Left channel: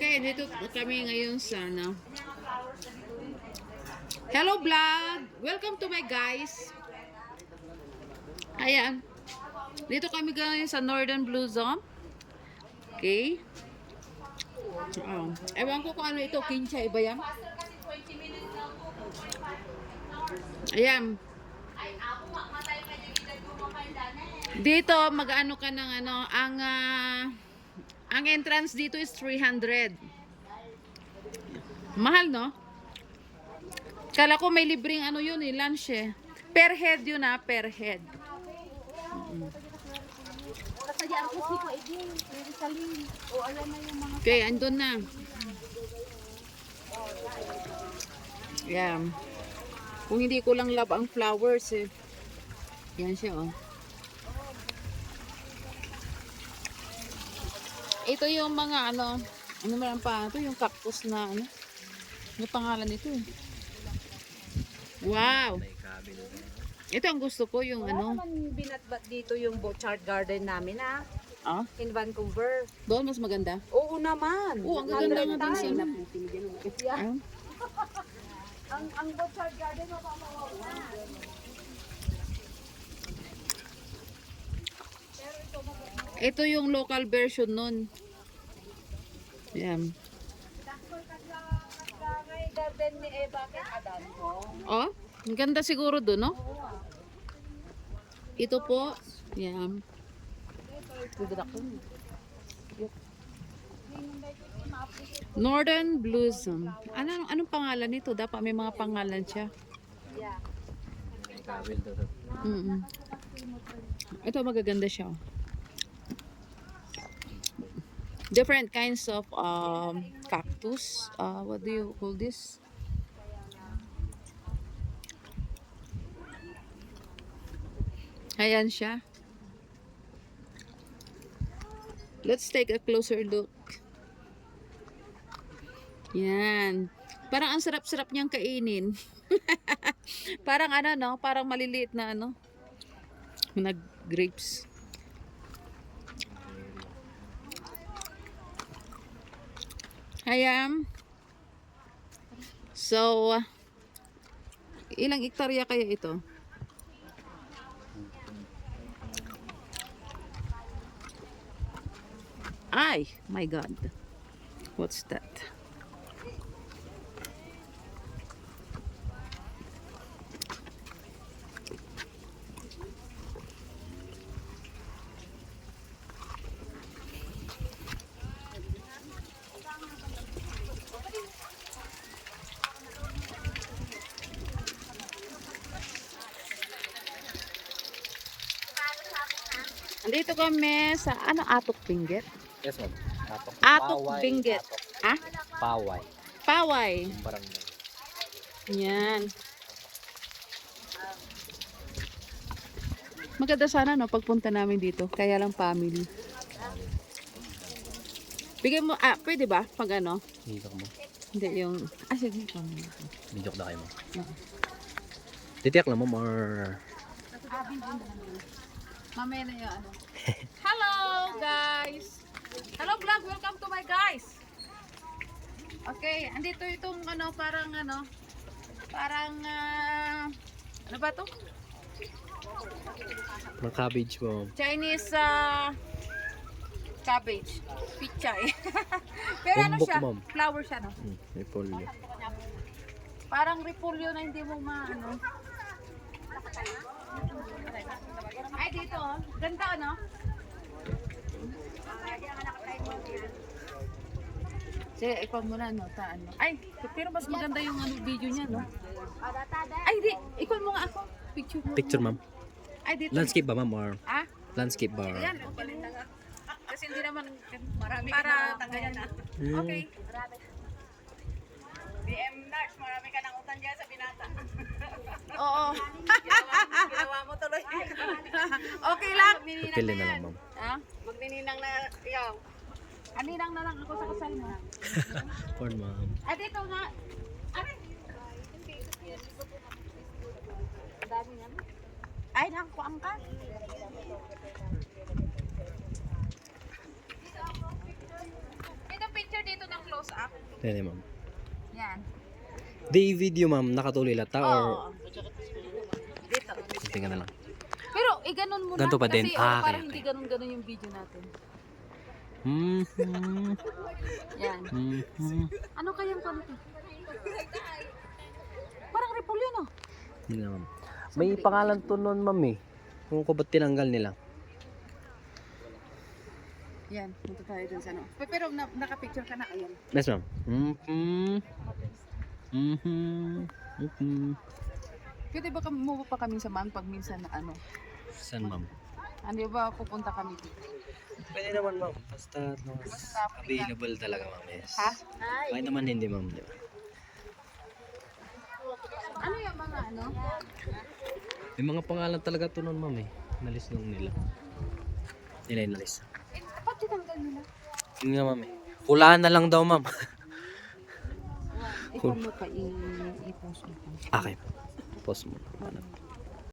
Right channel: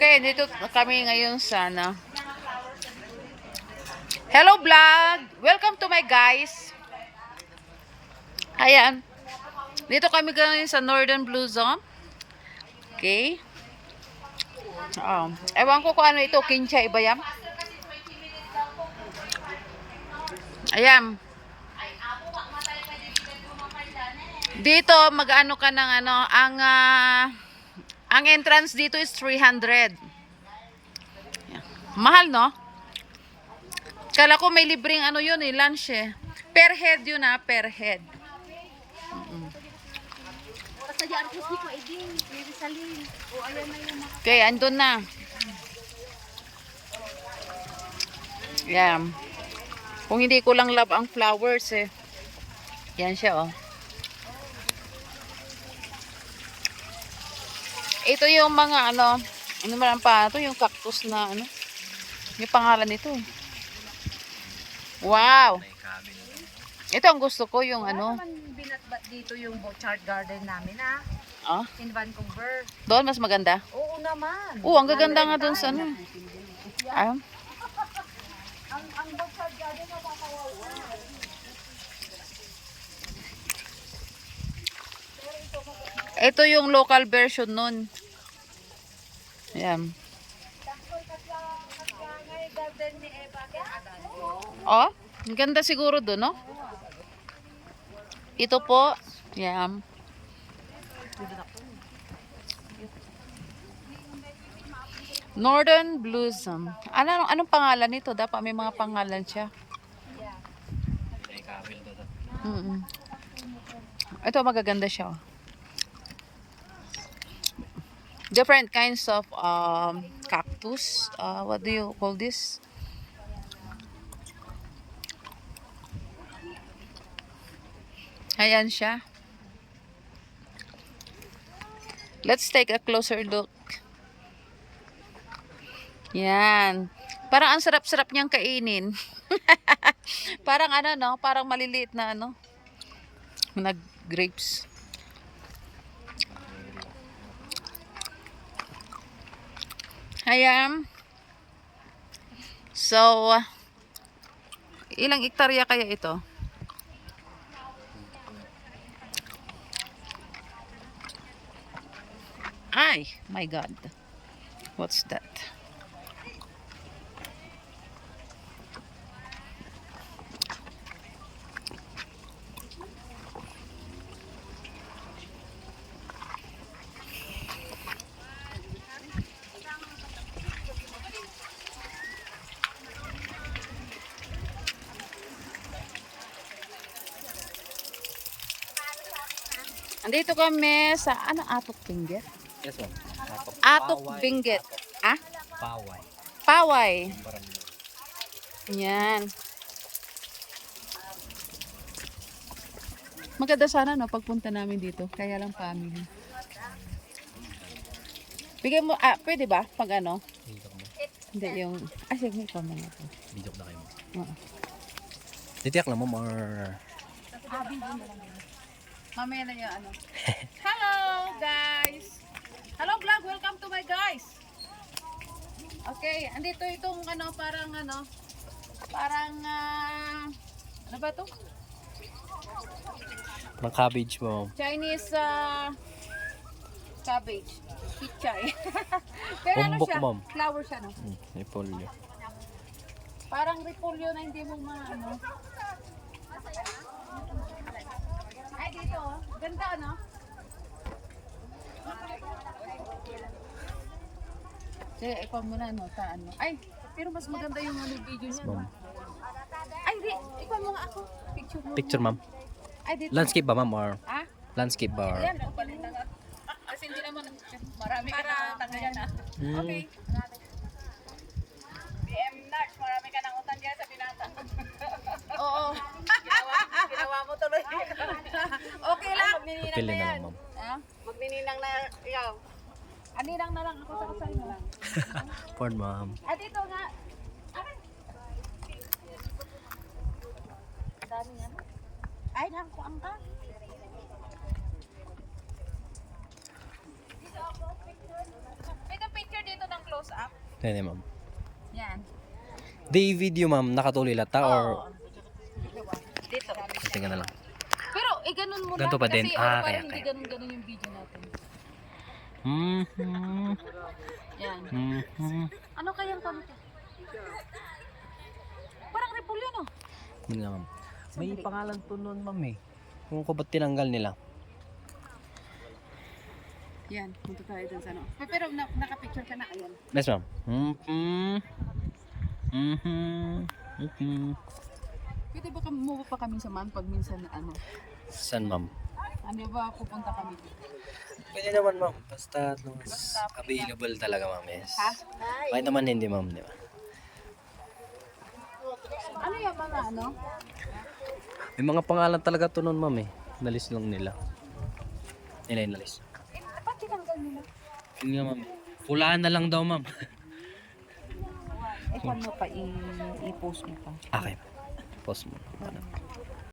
Okay, dito kami ngayon sa Hello vlog! Welcome to my guys. Ayan. Dito kami ngayon sa Northern Blossom. Okay. Ewan ko kung ano ito, kincha iba yan. Ayan. Dito mag-ano ka ng ang entrance dito is 300. Mahal, no? Kala ko may libreng yun lunch eh. Per head yun per head. Okay, andun na. Yan. Kung hindi ko lang love ang flowers eh. Yan siya oh. Ito yung mga ano man pa ito yung cactus na yung pangalan nito. Wow. Ito ang gusto ko yung Binatbat dito yung Bochart Garden namin in Vancouver. Doon mas maganda. Oo naman. Ang gaganda nga doon sa ang Bochart Garden mapapawawala. Ito yung local version nun. Ayan. Oh, ang ganda siguro doon, no? Ito po. Ayan. Northern Blossom. Anong pangalan nito? Dapat may mga pangalan siya. Ito magaganda siya. Different kinds of cactus. What do you call this? Ayan siya. Let's take a closer look. Yan. Parang ang sarap-sarap niyang kainin. Parang parang maliliit na na grapes. Ayan. So, ilang hektarya kaya ito? Ay, my God. What's that? Andito kami sa Atok Benguet? Yes, ma'am. Atok Benguet. Paway. Paway. Barangay. Yan. Maganda sana pagpunta namin dito. Kaya lang family. Bigyan mo, pwede ba? Pag Hindi yung, sige, ikaw mo. Bidok na kayo mo. Oo. Titiyak lang ma'am or... Mamaya na yung Hello guys! Hello vlog! Welcome to my guys! Okay, andito itong parang ano ba to? Ng cabbage mo. Chinese cabbage. Pichay. Pero Umbok, siya? ma'am. Flower siya, no? Repolyo. Parang repolyo na hindi mo Ay, dito, ganda, no? Sige, ikaw muna, Ay, pero mas maganda yung video niya, no? Ay, di, ikaw mo nga ako. Picture mo. Picture ma'am. Ay, dito. Landscape ba ma'am or? Landscape ba or? Ayan, palit na nga. Kasi hindi naman marami para tanggalin na. Okay. DM Nars, marami ka nang utang dyan sa binata. Oo. Ginawa mo tuloy. Okay lang. Okay na lang ma'am. Magnininang na ikaw. Aninang na lang ako sa kasal mo. Porn ma'am. Dito nga. Dami Ay, nakakuang ka. Dito ako, picture. Ito picture. picture dito ng close up. Hindi, ma'am. Yan. Di video, ma'am. Nakatuloy lata or... Oo. Dito. Tingnan na lang. Pero ganun mo Ganito lang. pa din. Kasi Ah, parang kaya, hindi kaya. ganun-ganun yung video natin. Yan. Ano kayang kanito? Parang repolyo, no? Hindi nga, ma'am. May pangalan to nun, ma'am eh. Kung ko ba't tinanggal nila? Yan. Punta tayo dun sa ano. Pero nakapicture ka na. Ayan. Yes, ma'am. Pwede ba move pa kami sa pag minsan na ano? San, ma'am? Ano ba pupunta kami dito? Pwede naman, ma'am. Basta available talaga, ma'am. Yes. Ha? Kahit naman hindi, ma'am. Di ba? Ano yung mga ano? May mga pangalan talaga to nun, ma'am eh. Nalis lang nila. Nila yung nalis. Ba't tinanggal nila? Yun nga, ma'am. Hulaan na lang daw, ma'am. Ikaw mo pa i-post mo pa. Okay, ma'am. Pause muna. Paano?